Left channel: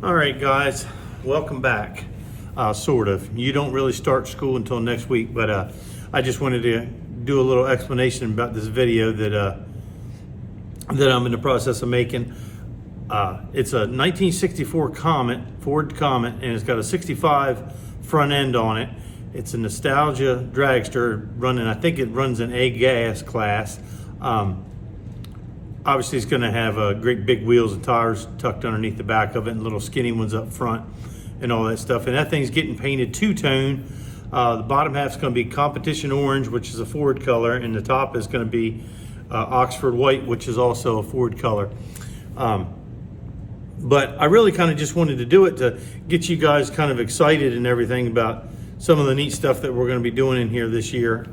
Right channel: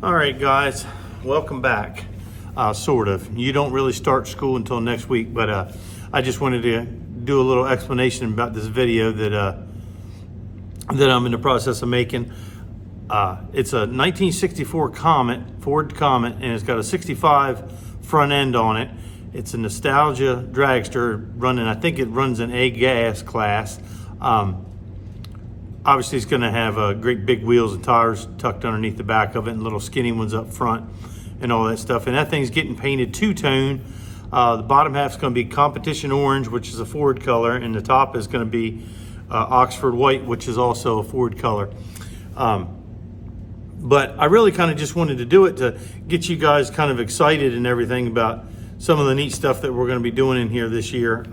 All right, guys, welcome back. Sort of. You don't really start school until next week, but I just wanted to do a little explanation about this video that I'm in the process of making. It's a 1964 Comet, Ford Comet, and it's got a 65 front end on it. It's a nostalgia dragster running, I think it runs an A gas class. Obviously, it's going to have great big wheels and tires tucked underneath the back of it, and little skinny ones up front, and all that stuff. And that thing's getting painted two-tone. The bottom half's going to be competition orange, which is a Ford color, and the top is going to be Oxford white, which is also a Ford color. But I really kind of just wanted to do it to get you guys kind of excited and everything about some of the neat stuff that we're going to be doing in here this year.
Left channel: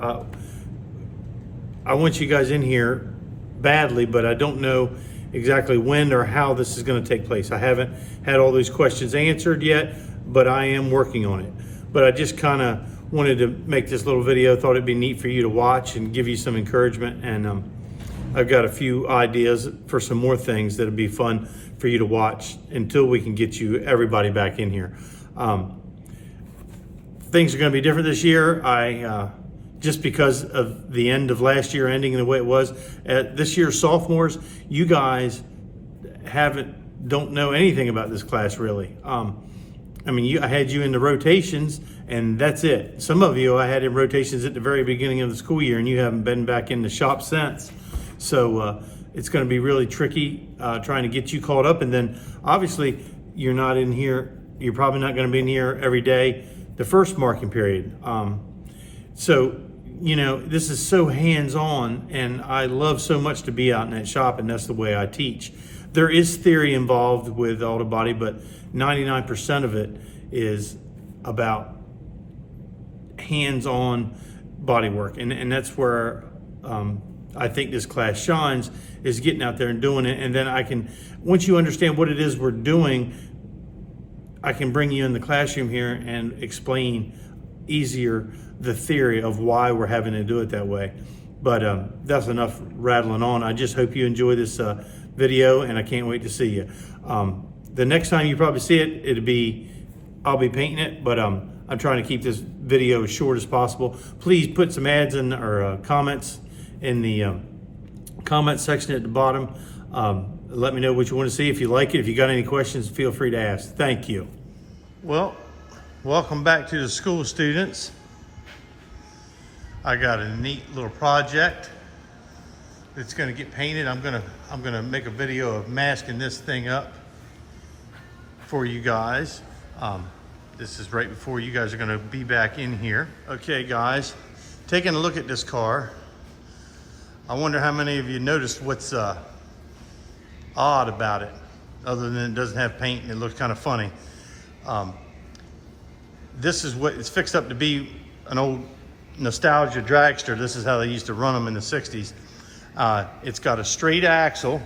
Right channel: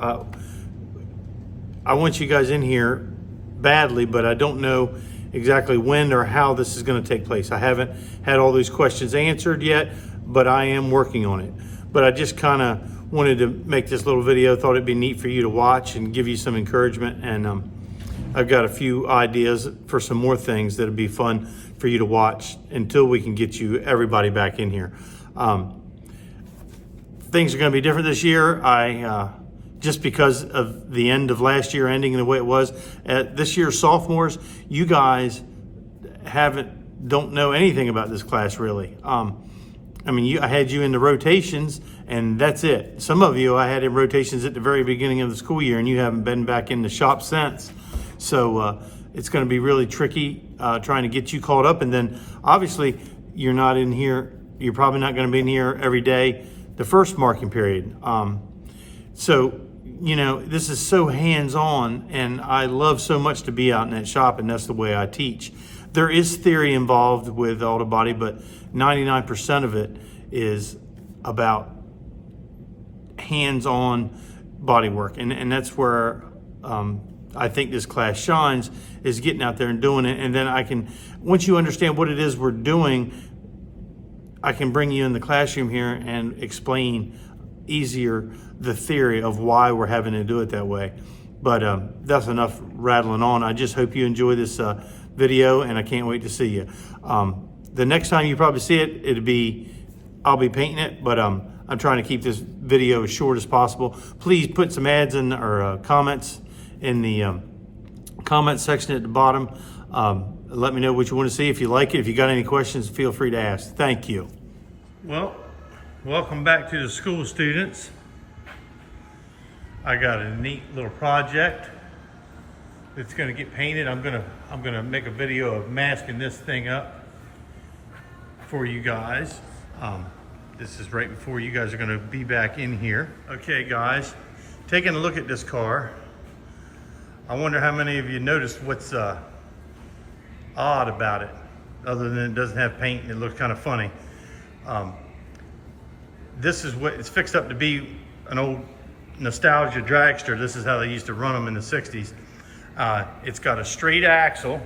I want you guys in here badly, but I don't know exactly when or how this is going to take place. I haven't had all these questions answered yet, but I am working on it. But I just kind of wanted to make this little video. Thought it'd be neat for you to watch and give you some encouragement. And I've got a few ideas for some more things that'll be fun for you to watch until we can get you everybody back in here. Things are going to be different this year. Just because of the end of last year ending the way it was. This year's sophomores, you guys don't know anything about this class really. I mean, I had you in the rotations and that's it. Some of you I had in rotations at the very beginning of the school year and you haven't been back in the shop since. So it's gonna be really tricky trying to get you caught up. And then obviously you're not in here, you're probably not gonna be in here every day the first marking period. So, you know, this is so hands-on and I love so much to be out in that shop, and that's the way I teach. There is theory involved with auto body, but 99% of it is about hands-on body work. And that's where I think this class shines, is getting out there and doing it. And then once you understand what it is we're doing, I can bring you in the classroom here and explain easier the theory of why we're having to do it that way. But that's enough rattling on. I just hope you enjoy this video, and I can't wait to see you. The next time you probably see it, I'll be painting it, but I'm trying to keep this video as short as possible. Please put some ads in or comments in the comment section at the bottom. Let me know what you want to see. If you like it, if you got any questions, feel free to ask. Thank you. Well, welcome back to the school, students. I got a neat little project that's going to get painted. I'm gonna make a video of masking this thing up for you guys. This is right before you guys are going to be back in here. Okay, guys, taking a look at this car. I wonder how many of you noticed what's odd about it, other than it doesn't have paint and it looks kind of funny. This is what it's fixed up to be, an old nostalgia dragster. This is how they used to run them in the 60s. It's got a straight axle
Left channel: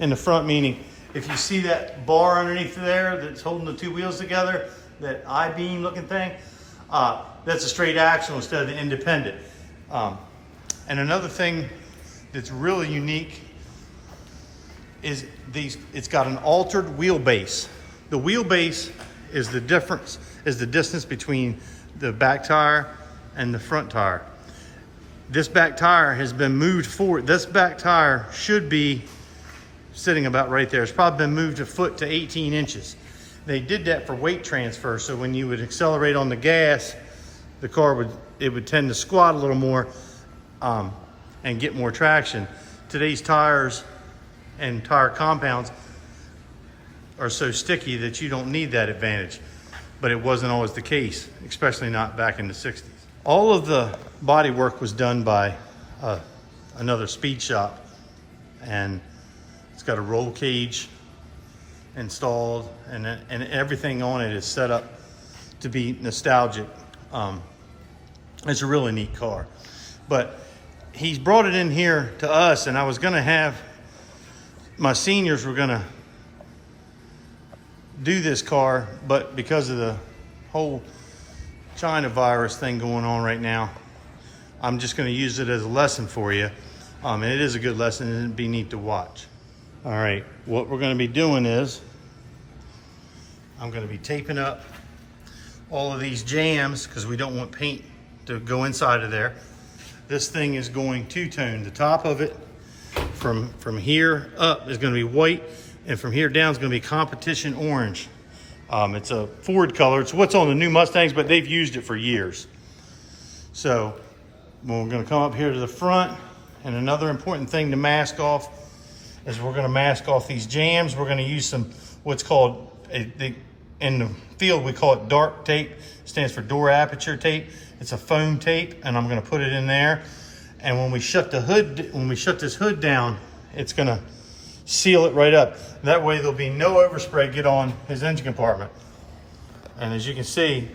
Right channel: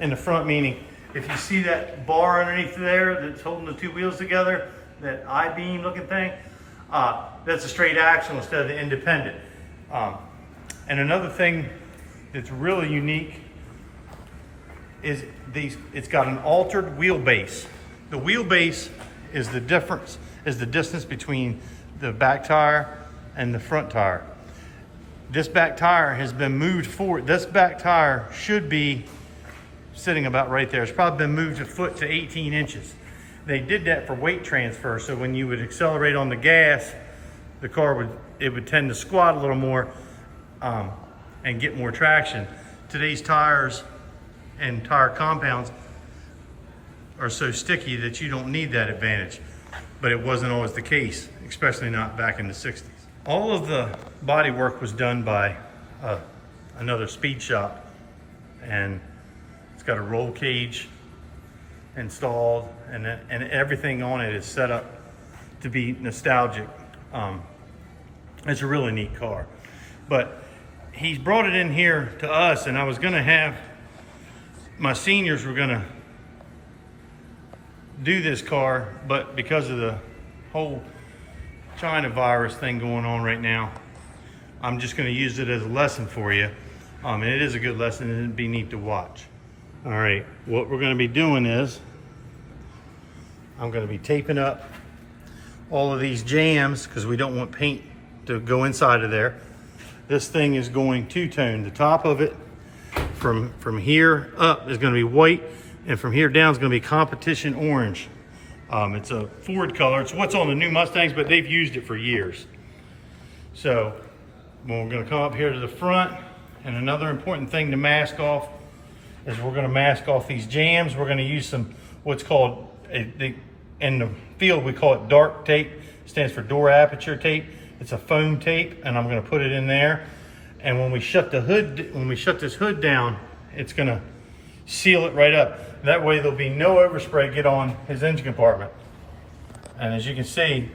in the front, meaning if you see that bar underneath there that's holding the two wheels together, that I-beam looking thing, that's a straight axle instead of the independent. And another thing that's really unique is it's got an altered wheelbase. The wheelbase is the distance between the back tire and the front tire. This back tire has been moved forward. This back tire should be sitting about right there. It's probably been moved a foot to 18 inches. They did that for weight transfer, so when you would accelerate on the gas, the car would tend to squat a little more and get more traction. Today's tires and tire compounds are so sticky that you don't need that advantage. But it wasn't always the case, especially not back in the 60s. All of the body work was done by another speed shop, and it's got a roll cage installed, and everything on it is set up to be nostalgic. It's a really neat car. But he's brought it in here to us, and I was gonna have, my seniors were gonna do this car, but because of the whole China virus thing going on right now, I'm just going to use it as a lesson for you. And it is a good lesson, and it'd be neat to watch. All right, what we're gonna be doing is I'm gonna be taping up all of these jambs because we don't want paint to go inside of there. This thing is going two-tone. The top of it from here up is gonna be white, and from here down is gonna be competition orange. It's a Ford color. It's what's on the new Mustangs, but they've used it for years. So we're gonna come up here to the front, and another important thing to mask off is we're gonna mask off these jambs. We're gonna use some, what's called, in the field we call it dark tape. It stands for door aperture tape. It's a foam tape, and I'm gonna put it in there. And when we shut the hood, when we shut this hood down, it's gonna seal it right up. That way there'll be no overspray get on his engine compartment. And as you can see,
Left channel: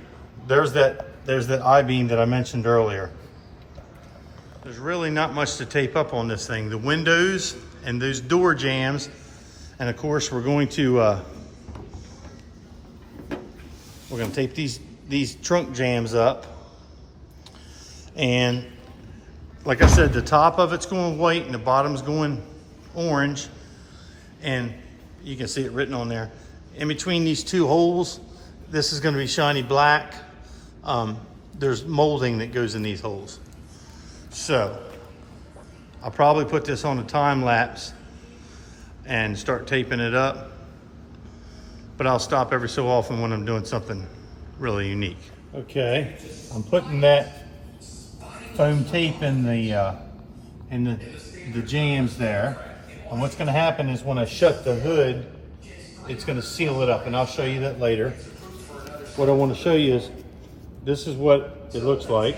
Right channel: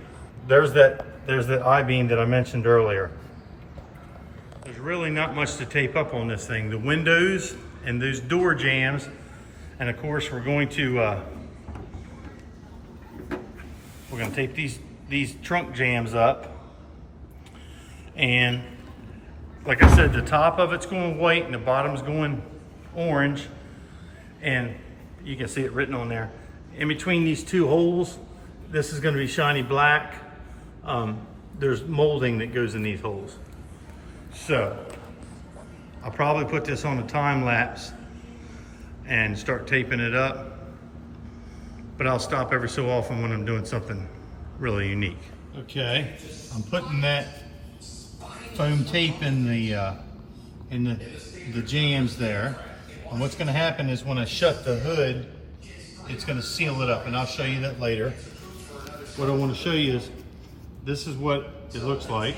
there's that I-beam that I mentioned earlier. There's really not much to tape up on this thing. The windows and those door jambs, and of course we're going to tape these trunk jambs up. And like I said, the top of it's going white and the bottom's going orange. And you can see it written on there. In between these two holes, this is going to be shiny black. There's molding that goes in these holes. So I'll probably put this on a time lapse and start taping it up. But I'll stop every so often when I'm doing something really unique. Okay, I'm putting that foam tape in the jambs there. And what's gonna happen is when I shut the hood, it's gonna seal it up, and I'll show you that later. What I wanna show you is, this is what it looks like.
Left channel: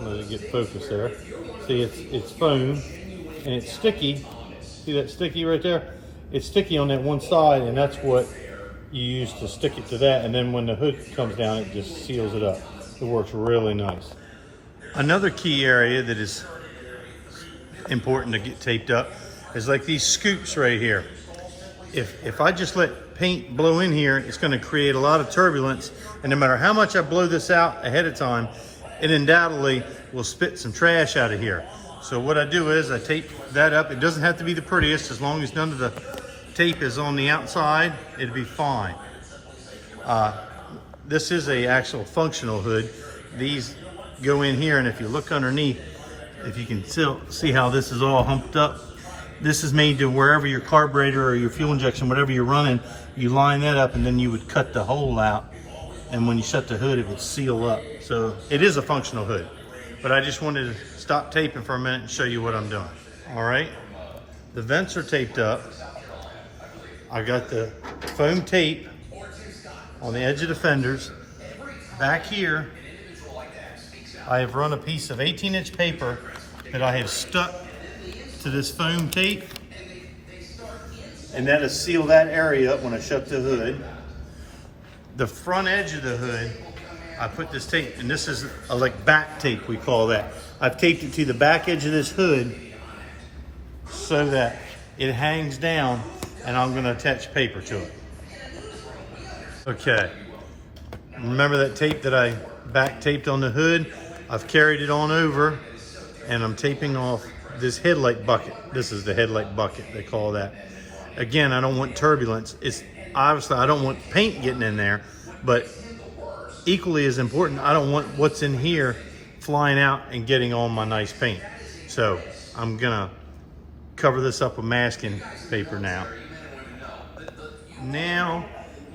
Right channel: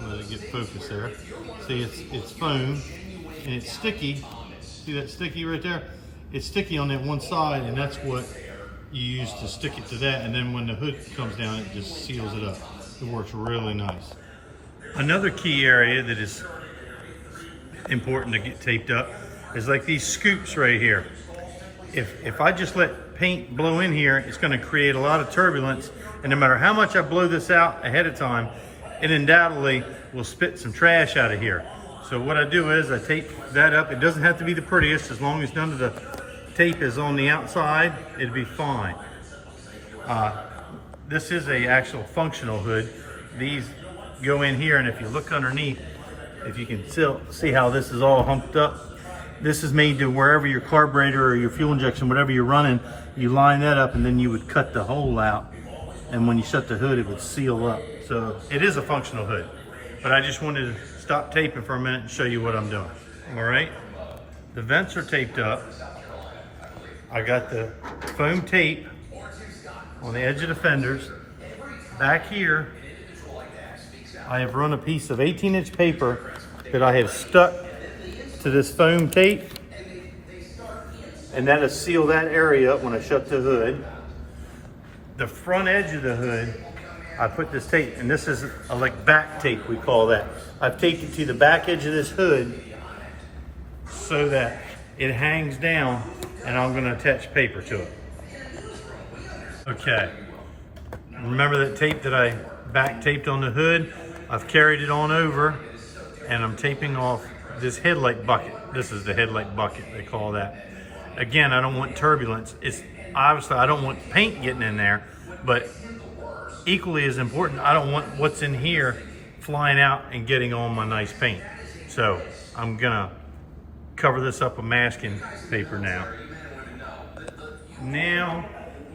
Let it get focused there. See, it's foam, and it's sticky. See that sticky right there? It's sticky on that one side, and that's what you use to stick it to that, and then when the hood comes down, it just seals it up. It works really nice. Another key area that is important to get taped up is like these scoops right here. If I just let paint blow in here, it's gonna create a lot of turbulence, and no matter how much I blow this out ahead of time, it undoubtedly will spit some trash out of here. So what I do is I tape that up. It doesn't have to be the prettiest, as long as none of the tape is on the outside, it'll be fine. This is a actual functional hood. These go in here, and if you look underneath, if you can still see how this is all humped up, this is made to wherever your carburetor or your fuel injection, whatever you're running, you line that up, and then you would cut the hole out, and when you shut the hood, it would seal up. So it is a functional hood, but I just wanted to stop taping for a minute and show you what I'm doing. All right, the vents are taped up. I got the foam tape on the edge of the fenders. Back here, I have run a piece of 18-inch paper that I have stuck to this foam tape, and that'll seal that area up when I shut the hood. The front edge of the hood, I put this tape, and this is like back tape, we call that. I've taped it to the back edge of this hood so that it hangs down, and I'm gonna attach paper to it. Okay, remember that tape that I back taped on the hood? I've carried it on over, and I'm taping off this headlight bucket. This is the headlight bucket, they call that. Again, I don't want turbulence. It's obviously, I don't want paint getting in there, but equally as important, I don't want what's in here flying out and getting on my nice paint. So I'm gonna cover this up with masking paper now. Now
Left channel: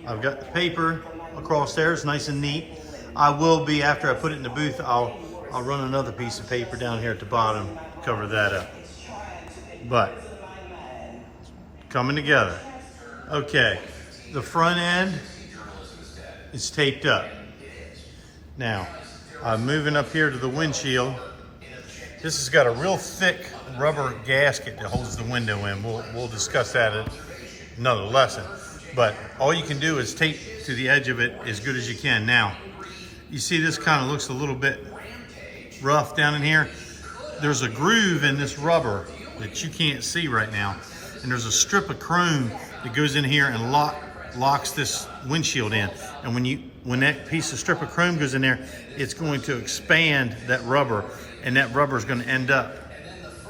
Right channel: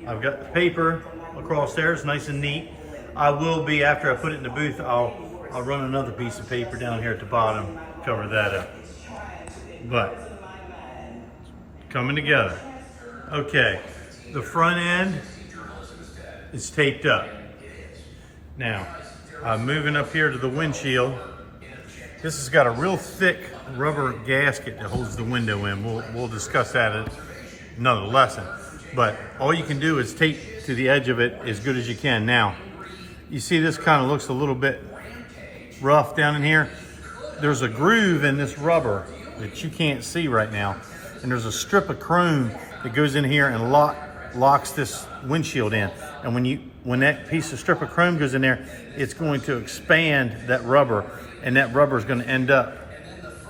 I've got the paper across there, it's nice and neat. I will be, after I put it in the booth, I'll run another piece of paper down here at the bottom, cover that up. But coming together. Okay, the front end is taped up. Now, I'm moving up here to the windshield. This has got a real thick rubber gasket that holds the window in. We'll discuss that at another lesson. But all you can do is tape to the edge of it as good as you can. Now, you see this kind of looks a little bit rough down in here. There's a groove in this rubber that you can't see right now. And there's a strip of chrome that goes in here and locks this windshield in. And when that piece of strip of chrome goes in there, it's going to expand that rubber, and that rubber is going to end up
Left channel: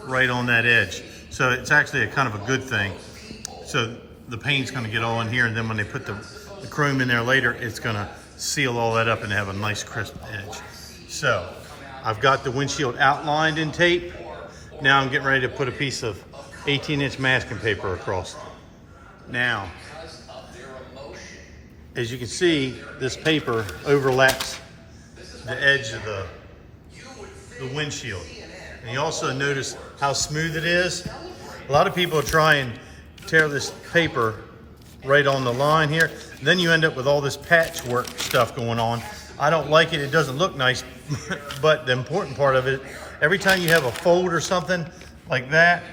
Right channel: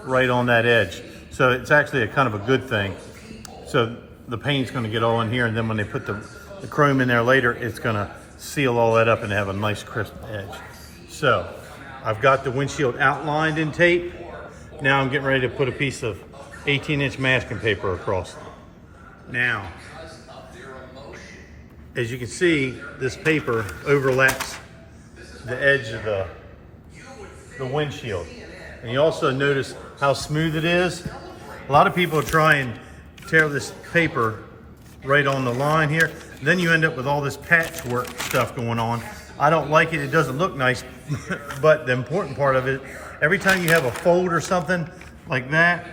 right on that edge. So it's actually a kind of a good thing. So the paint's gonna get all in here, and then when they put the chrome in there later, it's gonna seal all that up and have a nice crisp edge. So I've got the windshield outlined in tape. Now I'm getting ready to put a piece of 18-inch masking paper across. Now, as you can see, this paper overlaps the edge of the windshield. And you also notice how smooth it is. A lot of people try and tear this paper right on the line here. Then you end up with all this patchwork stuff going on. I don't like it, it doesn't look nice, but the important part of it, every time you have a fold or something like that,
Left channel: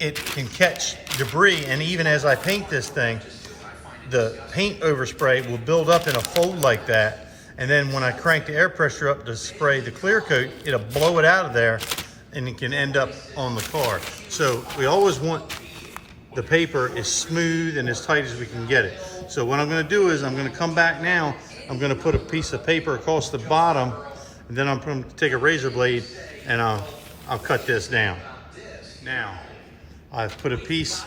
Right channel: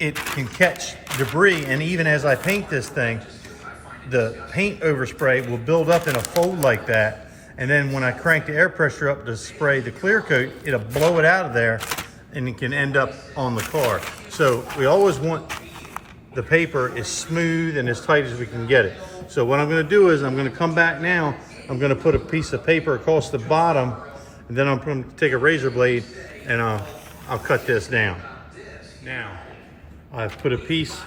it can catch debris. And even as I paint this thing, the paint overspray will build up in a fold like that. And then when I crank the air pressure up to spray the clear coat, it'll blow it out of there and it can end up on the car. So we always want the paper as smooth and as tight as we can get it. So what I'm gonna do is I'm gonna come back now, I'm gonna put a piece of paper across the bottom, and then I'm gonna take a razor blade and I'll cut this down. Now, I've put a piece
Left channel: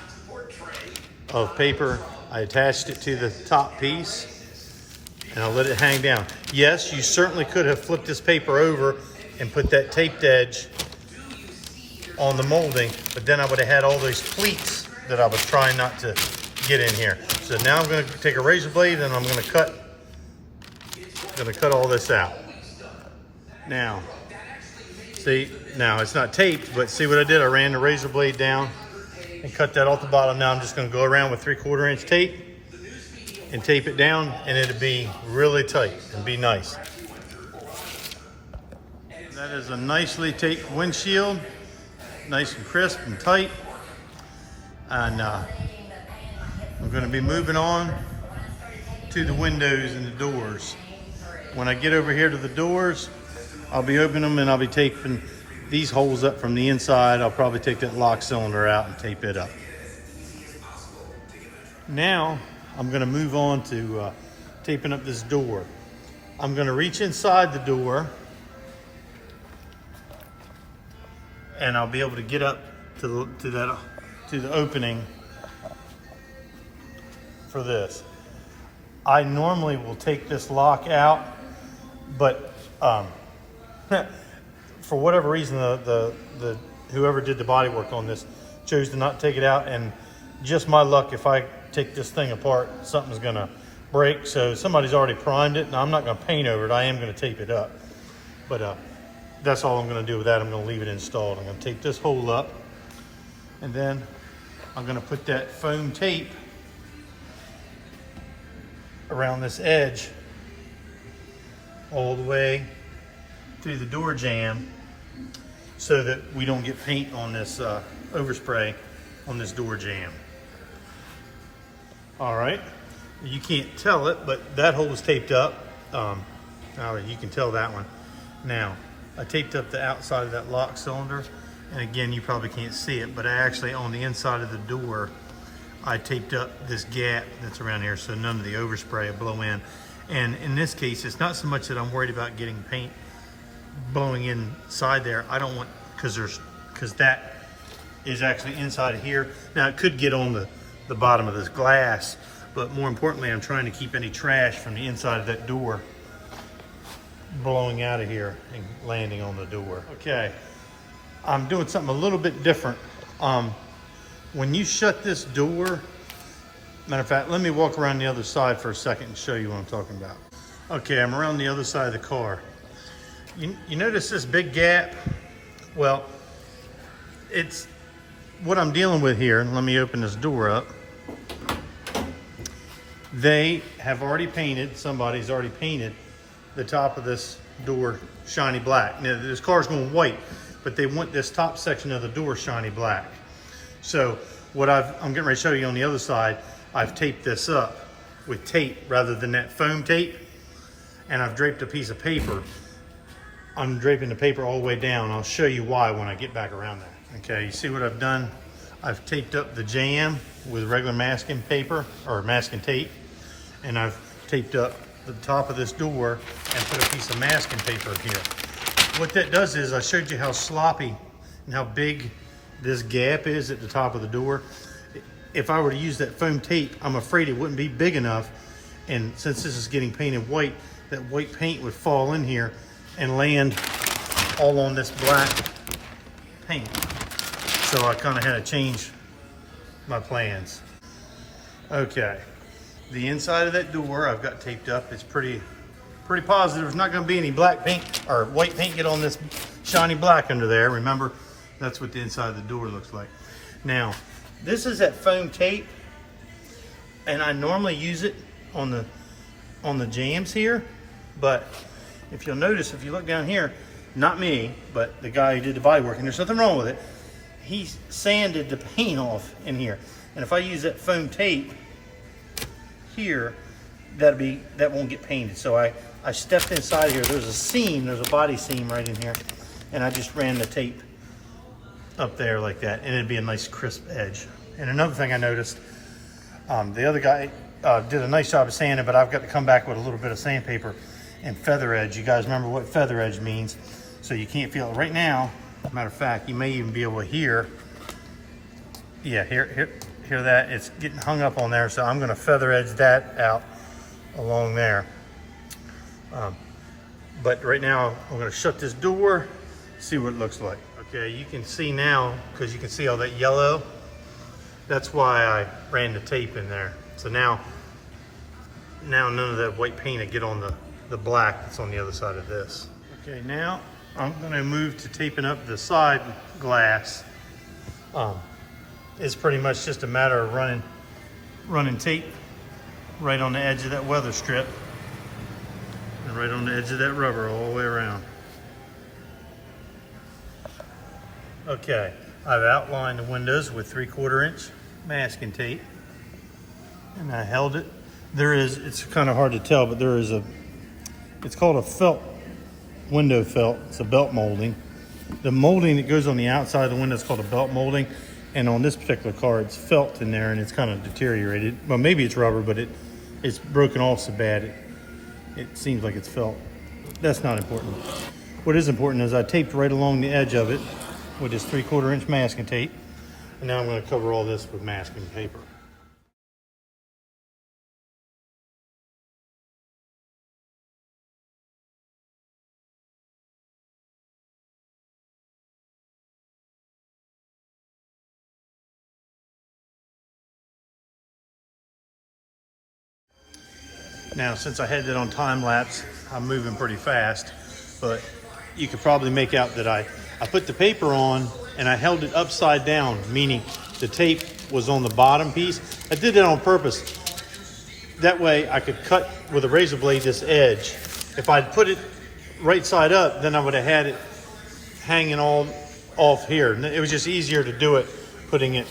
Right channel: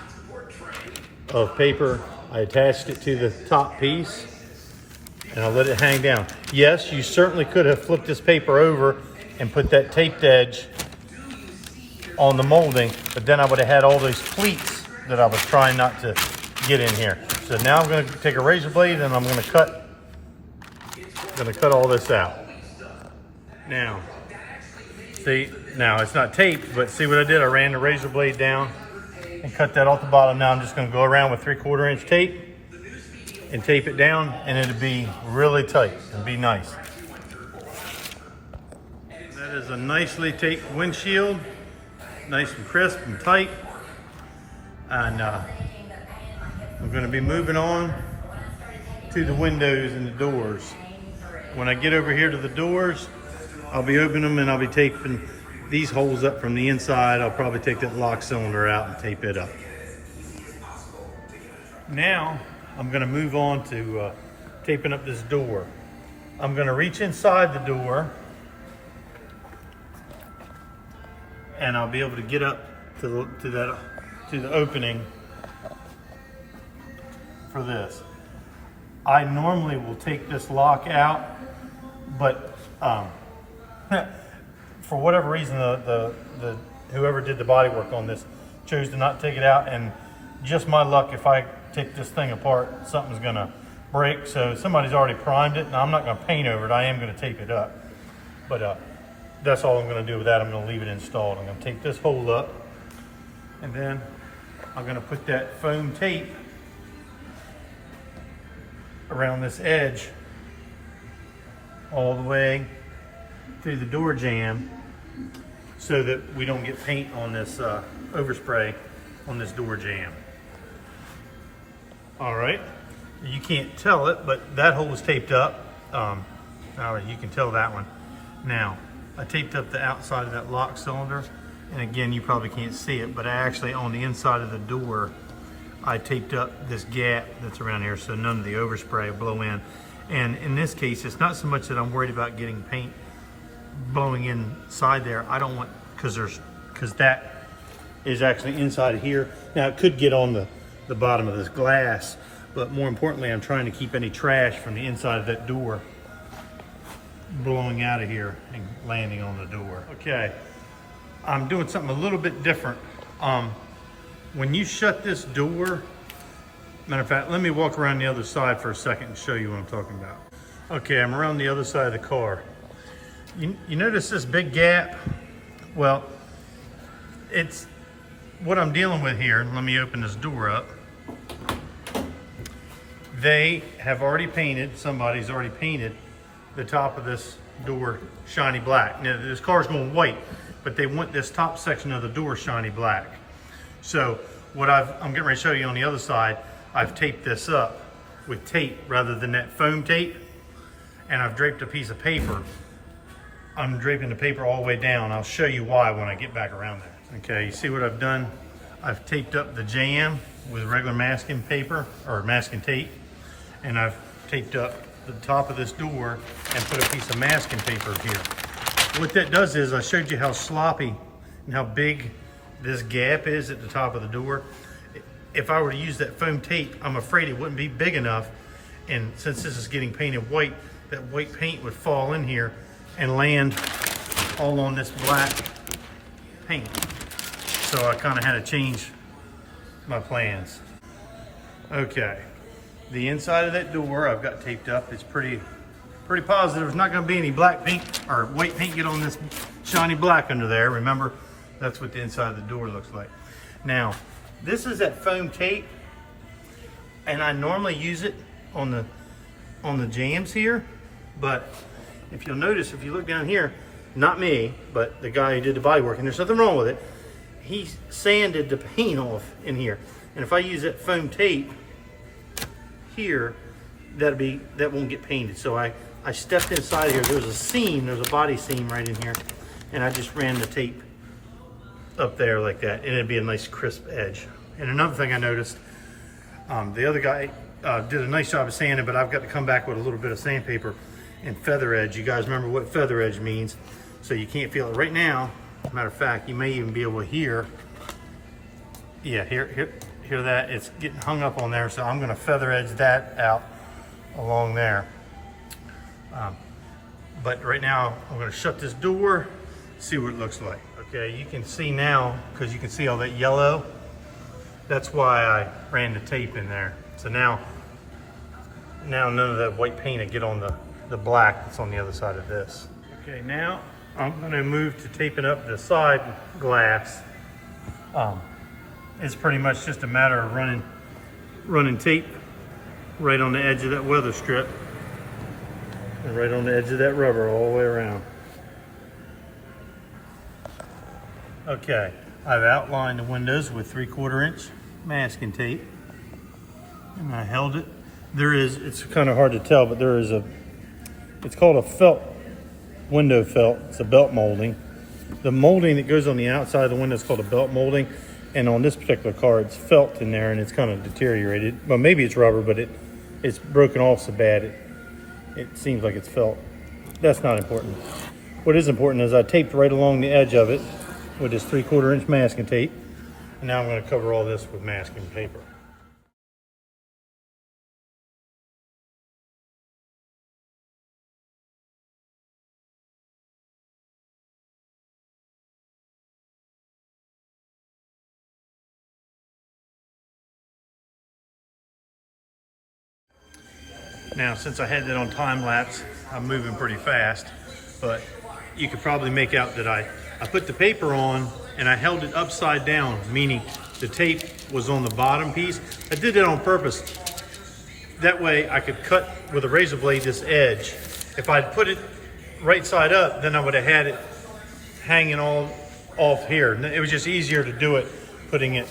of paper, I attached it to the top piece, and I'll let it hang down. Yes, you certainly could have flipped this paper over and put that taped edge on the molding, but then I would have had all those pleats that I was trying not to get in here. So now I'm gonna take a razor blade and I'm gonna cut all this out. Now, see, now it's not taped, but see what I did? I ran the razor blade down and cut that off the bottom. Now I'm just gonna go around with 3/4 inch tape and tape it down, and it'll be really tight and be nice. That is a nicely taped windshield, nice and crisp and tight. And I'm going to be moving on to the windows and the doors. When I get over here to the doors, I'll be opening them and I'll be taping these holes up from the inside. I'll probably take that lock cylinder out and tape it up. Now I'm going to move on to taping up this door. I'm going to reach inside the door and I'll be able to get up to the opening for this. I normally will take this lock out, but for whatever reason, the whoever did the body work on this chose to not take it out, and just my luck, if I take this thing apart, something's gonna break. So somebody's already primed it, and I'm not gonna paint over it. I am gonna tape it up, but that's all I'm gonna do with that. I'm gonna leave it installed. I'm gonna take this hole up, and then I'm gonna put that foam tape around this edge all the way through the door jamb so that we don't get paint on this overspray on this door jamb. All right, you can't tell it, but that hole is taped up. All right, you can tell that one. Now, I taped up the outside of that lock cylinder, and again, you probably can't see it, but I actually, on the inside of the door, I taped up this gap that's around here so none of the overspray will blow in. And in this case, it's not so much that I'm worried about getting paint blowing inside there. I don't want, because that is actually inside of here. Now it could get on the bottom of this glass, but more importantly, I'm trying to keep any trash from the inside of that door blowing out of here and landing on the door. Okay, I'm doing something a little bit different. When you shut this door, matter of fact, let me walk around the other side for a second and show you what I'm talking about. Okay, I'm around the other side of the car. You notice this big gap? Well, it's what I'm dealing with here. Let me open this door up. They have already painted, somebody's already painted the top of this door shiny black. Now this car's going white, but they want this top section of the door shiny black. So what I'm getting ready to show you on the other side, I've taped this up with tape rather than that foam tape, and I've draped a piece of paper. I'm draping the paper all the way down. I'll show you why when I get back around there. Okay, you see what I've done? I've taped up the jamb with regular masking paper or masking tape, and I've taped up the top of this door and put a piece of masking paper here. What that does is, I showed you how sloppy and how big this gap is at the top of the door. if I were to use that foam tape, I'm afraid it wouldn't be big enough. And since this is getting painted white, that white paint would fall in here and land all on this black paint. So I kind of had to change my plans. Okay, the inside of that door I've got taped up. It's pretty positive. There's not going to be any black paint or white paint get on this shiny black under there. Remember, that's what the inside of the door looks like. Now, this is that foam tape, and I normally use it on the jambs here, but if you'll notice, if you look down here, not me, but the guy who did the body work, and there's nothing wrong with it, he sanded the paint off in here. And if I use that foam tape here, that won't get painted. So I stepped inside here. There's a seam, there's a body seam right in here, and I just ran the tape up there like that, and it'd be a nice crisp edge. And another thing I noticed, the other guy did a nice job of sanding, but I've got to come back with a little bit of sandpaper and feather edge. You guys remember what feather edge means, so you can't feel it right now. Matter of fact, you may even be able to hear, yeah, hear that. It's getting hung up on there, so I'm going to feather edge that out along there. But right now, I'm going to shut this door, see what it looks like. Okay, you can see now, because you can see all that yellow. That's why I ran the tape in there. So now none of that white paint will get on the black that's on the other side of this. Okay, now I'm going to move to taping up the side glass. It's pretty much just a matter of running tape right on the edge of that weather strip and right on the edge of that rubber all the way around. Okay, I've outlined the windows with 3/4 inch masking tape, and I held it. It's kind of hard to tell, but it's called a felt, window felt. It's a belt molding. The molding that goes on the outside of the window is called a belt molding, and on this particular car, it's felt in there, and it's kind of deteriorated. Well, maybe it's rubber, but it's broken off so bad, it seems like it's felt. That's not important. What is important is I taped right along the edge of it with this 3/4 inch masking tape, and now I'm going to cover all this with masking paper. Now, since I had that on time lapse, I'm moving pretty fast, but you could probably make out that I put the paper on and I held it upside down, meaning the tape was on the bottom piece. I did that on purpose. That way I could cut with a razor blade this edge. If I'd put it right side up, then I would have had it hanging all off here. It was just easier to do it, putting it,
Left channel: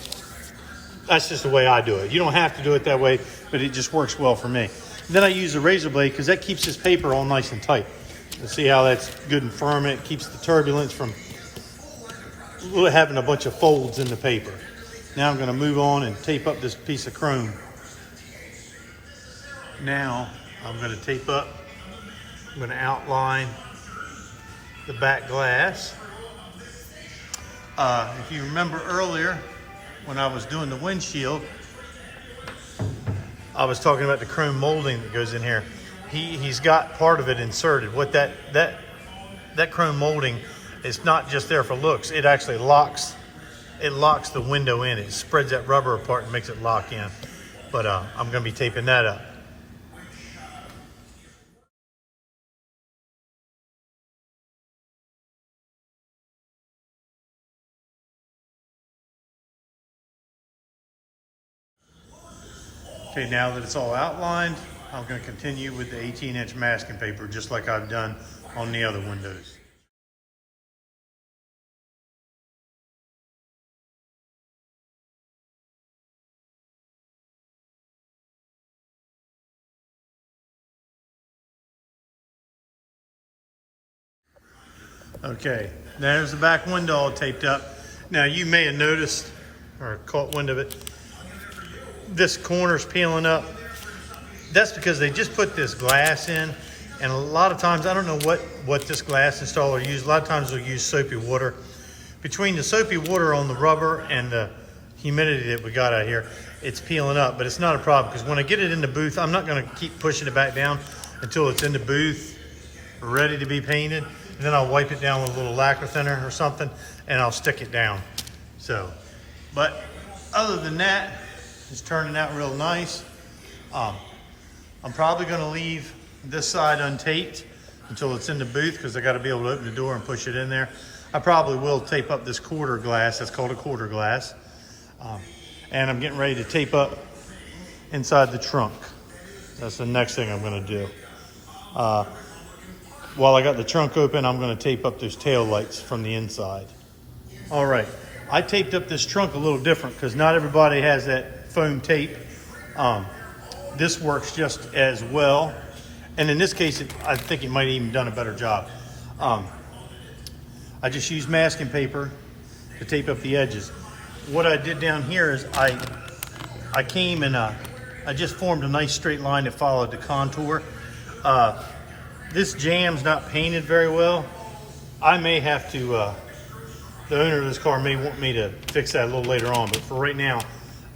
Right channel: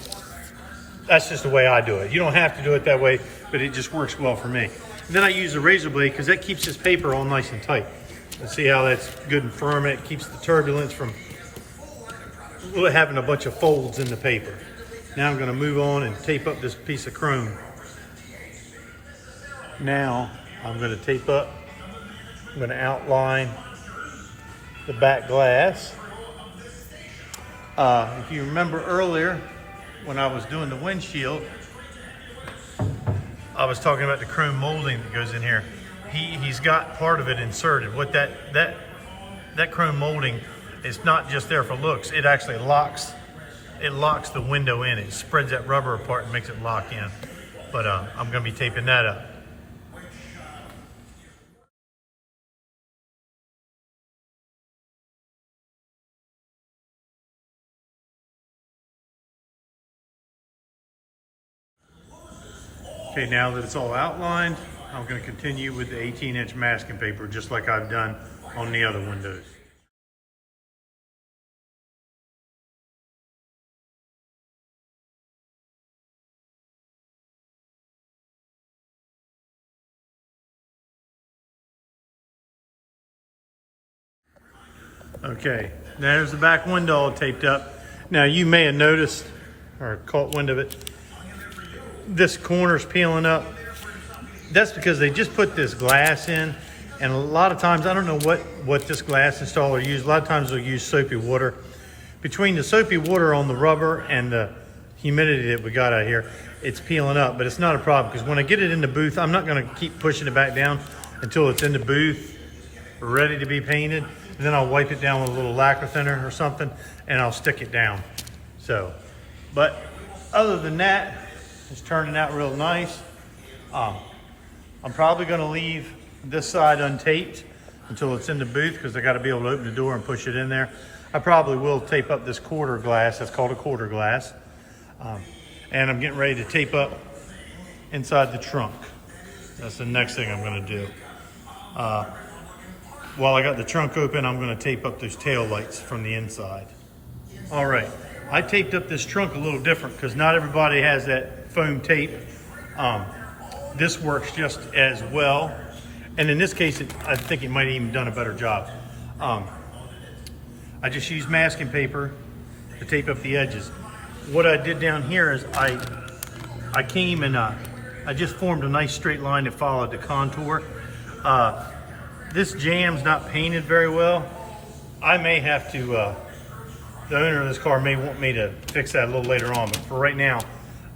that's just the way I do it. You don't have to do it that way, but it just works well for me. And then I use a razor blade because that keeps this paper all nice and tight. You see how that's good and firm. It keeps the turbulence from having a bunch of folds in the paper. Now I'm going to move on and tape up this piece of chrome. Now I'm going to tape up, I'm going to outline the back glass. If you remember earlier when I was doing the windshield, I was talking about the chrome molding that goes in here. He's got part of it inserted. What that chrome molding is not just there for looks. It actually locks the window in. It spreads that rubber apart and makes it lock in. But I'm going to be taping that up. Okay, now that it's all outlined, I'm going to continue with the 18-inch masking paper just like I've done on the other windows. Okay, there's the back window all taped up. Now you may have noticed or caught wind of it. This corner's peeling up. That's because they just put this glass in, and a lot of times, I don't know what this glass installer used. A lot of times they'll use soapy water. Between the soapy water on the rubber and the humidity that we got out here, it's peeling up, but it's not a problem because when I get it in the booth, I'm not gonna keep pushing it back down until it's in the booth, ready to be painted. And then I'll wipe it down with a little lacquer thinner or something, and I'll stick it down. So, but other than that, it's turning out real nice. I'm probably gonna leave this side untaped until it's in the booth because I gotta be able to open the door and push it in there. I probably will tape up this quarter glass. That's called a quarter glass. And I'm getting ready to tape up inside the trunk. That's the next thing I'm gonna do. While I got the trunk open, I'm gonna tape up those tail lights from the inside. All right, I taped up this trunk a little different because not everybody has that foam tape. This works just as well. And in this case, I think it might have even done a better job. I just used masking paper to tape up the edges. What I did down here is I came and I just formed a nice straight line that followed the contour. This jam's not painted very well. I may have to, the owner of this car may want me to fix that a little later on, but for right now,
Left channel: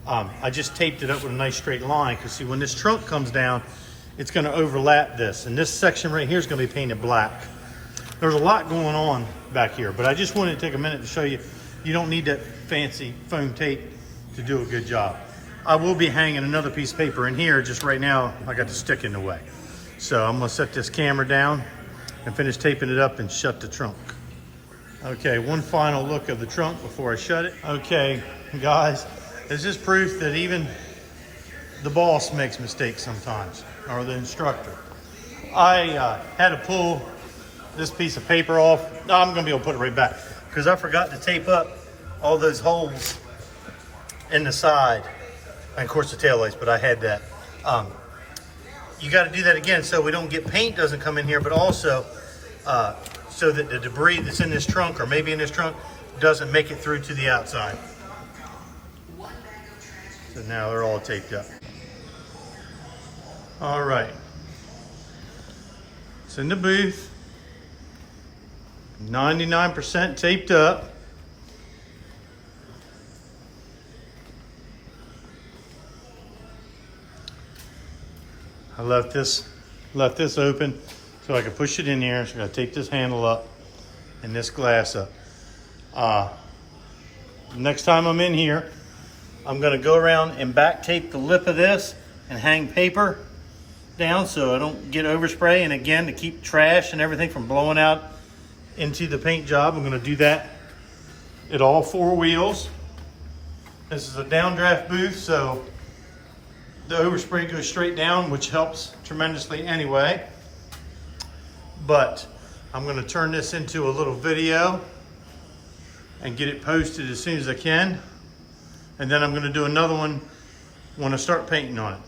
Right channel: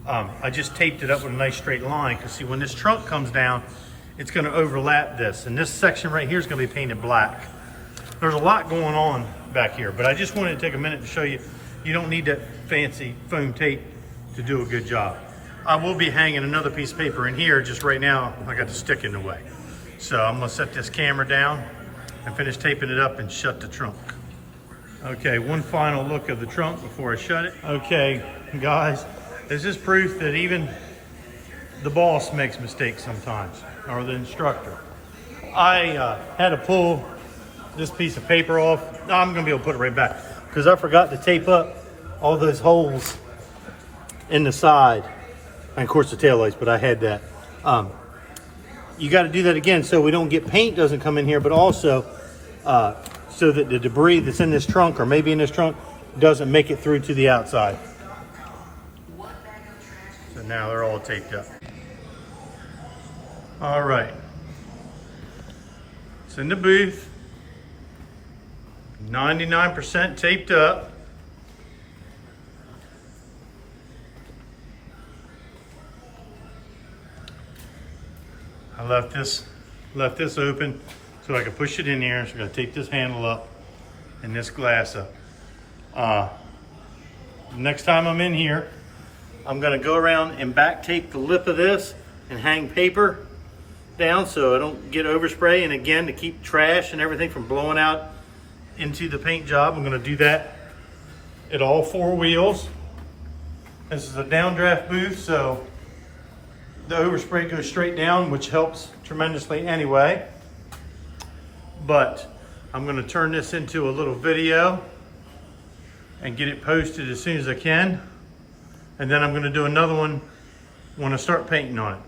I just taped it up with a nice straight line because see, when this trunk comes down, it's gonna overlap this. And this section right here is gonna be painted black. There's a lot going on back here, but I just wanted to take a minute to show you, you don't need that fancy foam tape to do a good job. I will be hanging another piece of paper in here. Just right now, I got the stick in the way. So I'm gonna set this camera down and finish taping it up and shut the trunk. Okay, one final look of the trunk before I shut it. Okay, guys, this is proof that even the boss makes mistakes sometimes, or the instructor. I had to pull this piece of paper off. No, I'm gonna be able to put it right back because I forgot to tape up all those holes in the side. And of course the tail lights, but I had that. You got to do that again so we don't get paint doesn't come in here, but also so that the debris that's in this trunk or maybe in this trunk doesn't make it through to the outside. So now they're all taped up. All right. It's in the booth. 99% taped up. I left this open so I could push it in here. So I gotta take this handle up and this glass up. Next time I'm in here, I'm gonna go around and back tape the lip of this and hang paper down so I don't get overspray. And again, to keep trash and everything from blowing out into the paint job, I'm gonna do that at all four wheels. This is a downdraft booth, so the overspray goes straight down, which helps tremendously anyway. But I'm gonna turn this into a little video and get it posted as soon as I can. And then I'm gonna do another one when I start painting on it.